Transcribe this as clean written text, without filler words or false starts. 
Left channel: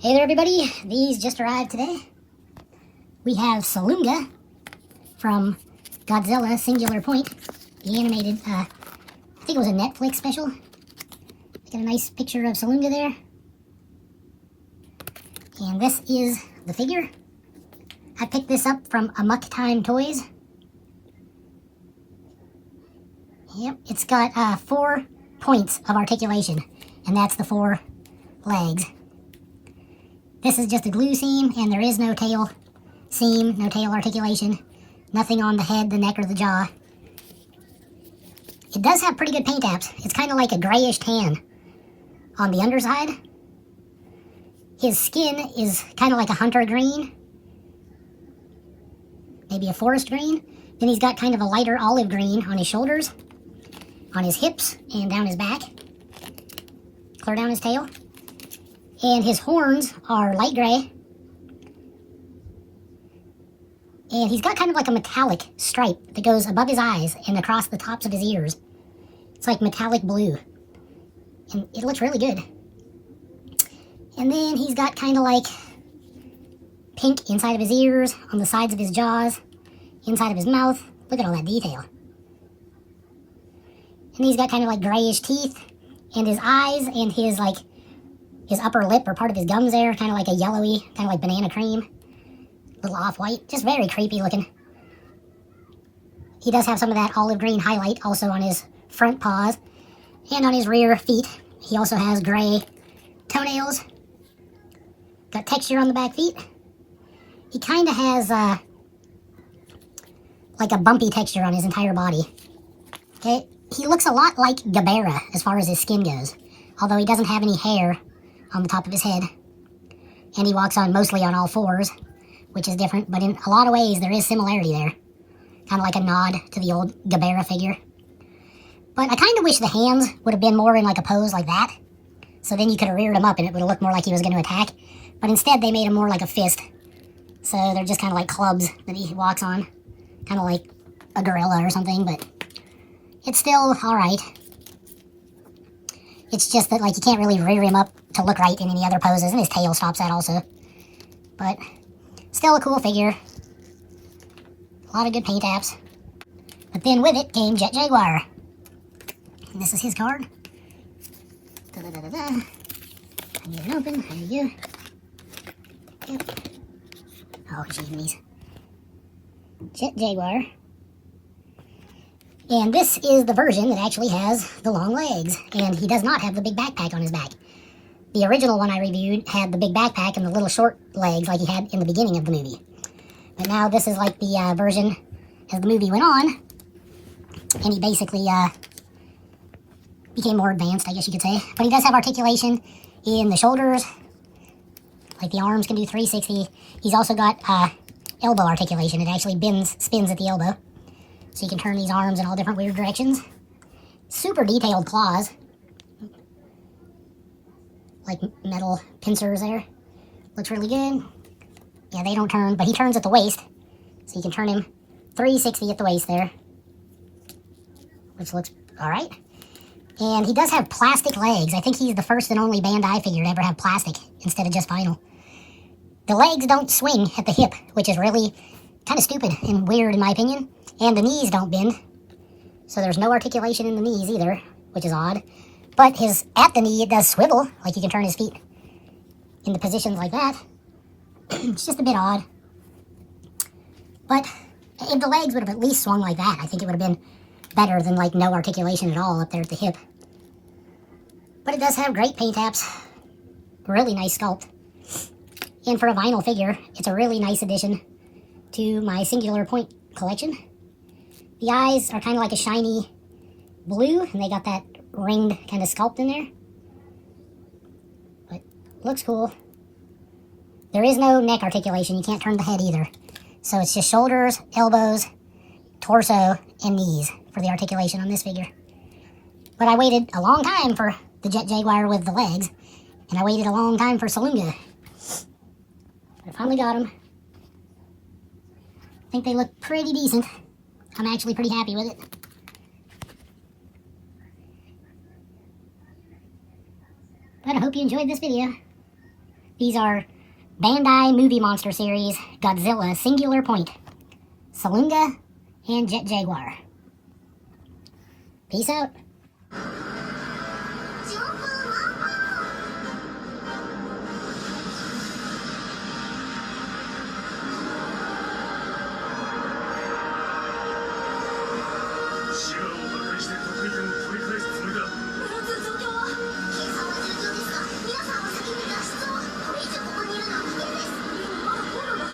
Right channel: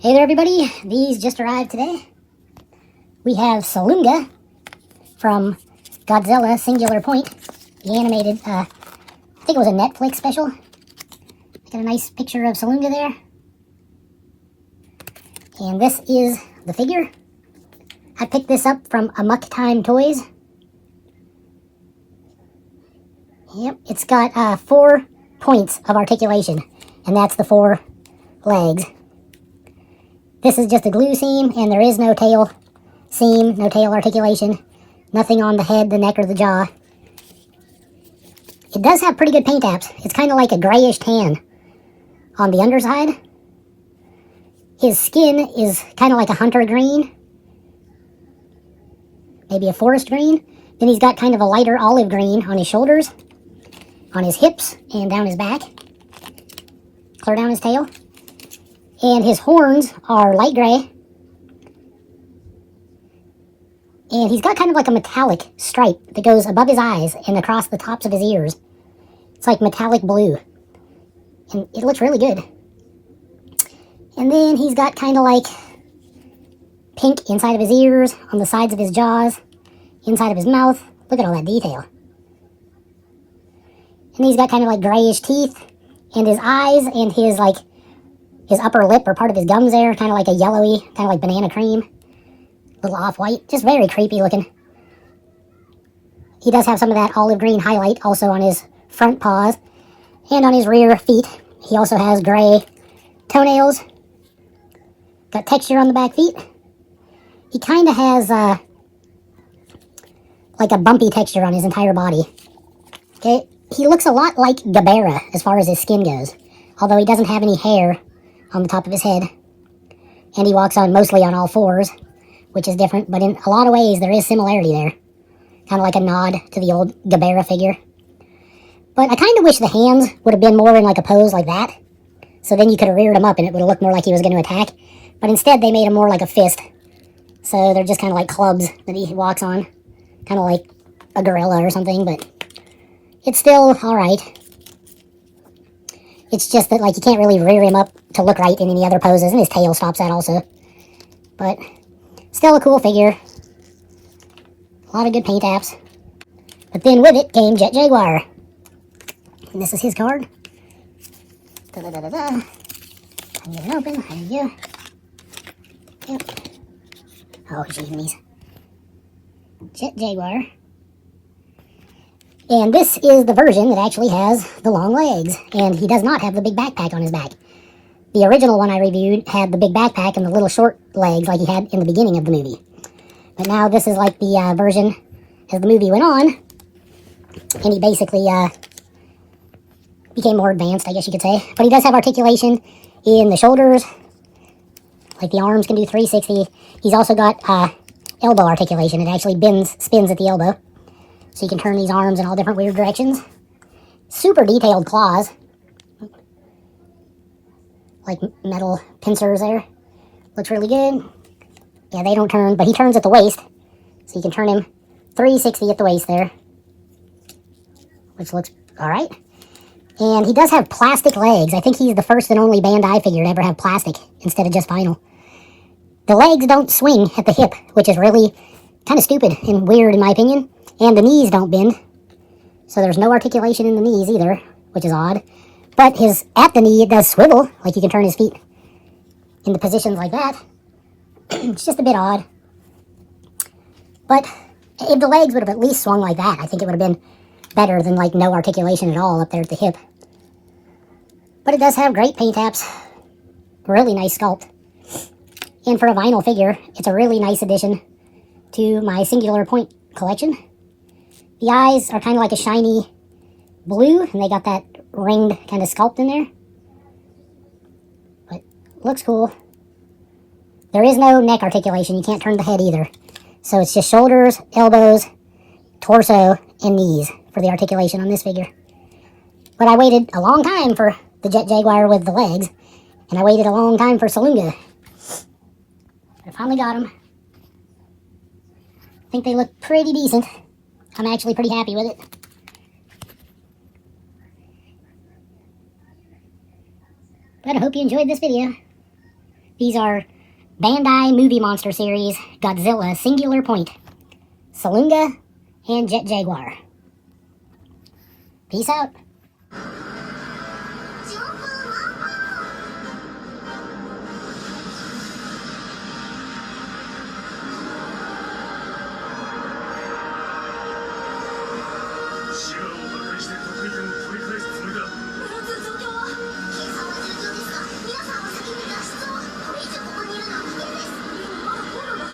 Hey there everybody, these just arrived today. We have Salunga from Godzilla Singular Point, the animated, I think it was a Netflix special. Got a nice picture of Salunga there. And this is the figure. I picked this up from Amok Time Toys. Yep, it's got 4 points of articulation, and that's the 4 legs. This is just a glue seam, and there is no tail seam, no tail articulation, nothing on the head, the neck, or the jaw. It does have pretty good paint apps. It's kind of like a grayish tan on the underside. His skin is kind of like a hunter green, maybe a forest green. Then he's got kind of a lighter olive green on his shoulders, on his hips, and down his back, clear down his tail. And his horns are light gray. And he's got kind of like a metallic stripe that goes above his eyes and across the tops of his ears. It's like metallic blue. And it looks really good. And then he's got kind of like pink inside of his ears, on the sides of his jaws, inside of his mouth. Look at all that detail. And he's got kind of like grayish teeth, and his eyes and his upper lip or part of his gums there, kind of like a yellowy, kind of like banana cream, a little off-white, just very creepy looking. He does have some of that olive green highlight also on his front paws and on his rear feet. He also has gray toenails, got texture on the back feet. He kind of has like a bumpy texture on his entire body. Okay, he looks a lot like Gabera as far as his skin goes, although he doesn't have any hair on the top of his head, and he walks on mostly on all 4s, which is different, but in a lot of ways there is similarity there, kind of like a nod to the old Gabera figure. But I kind of wish the hands would have been more in like a pose like that, so then you could have reared him up and it would have looked more like he was going to attack, but instead they made him more like a fist, so they're just kind of like clubs that he walks on, kind of like a gorilla or something, but it's still alright. It's just that, like, you can't really rear him up to look right in any other poses, and his tail stops that also. But still a cool figure. A lot of good paint apps. But then with it came Jet Jaguar. And this is his card. Da-da-da-da-da. I get it open. There you go. Yep. Oh, he's eating these. Jet Jaguar. And this is the version that actually has the long legs, and he does not have the big backpack on his back. The original one I reviewed had the big backpack and the little short legs like he had in the beginning of the movie. But now this is like the version as the movie went on, and he basically became more advanced, I guess you could say. But he does have articulation in the shoulders, like the arms can do 360. He's also got elbow articulation. It actually spins at the elbow. So you can turn these arms in all different weird directions. Super detailed claws. Like metal pincers there. Looks really good. Yeah, they don't turn, but he turns at the waist. So you can turn him 360 at the waist there. Which looks alright. And he does have plastic legs. I think he's the first and only Bandai figure to ever have plastic instead of just vinyl. The legs don't swing at the hip, which is really kind of stupid and weird in my opinion. And the knees don't bend, so there's no articulation in the knees either, which is odd. But at the knee, it does swivel, like you can turn his feet into positions like that. It's just a bit odd. But if the legs would have at least swung like that, I think it would have been better than like no articulation at all up there at the hip. But it does have great paint apps, really nice sculpt. And for a vinyl figure, it's a really nice addition to my Singular Point collection. The eyes are kind of like a shiny blue, and they got that ringed kind of sculpt in there. But looks cool. There is no neck articulation. You can't turn the head either. So it's just shoulders, elbows, torso, and knees for the articulation on this figure. But I waited a long time for the Jet Jaguar with the legs, and I waited a long time for Salunga. But I finally got him. I think they look pretty decent. I'm actually pretty happy with it. But I hope you enjoyed this video. These are Bandai movie monster series, Godzilla Singular Point, Salunga, and Jet Jaguar. Peace out.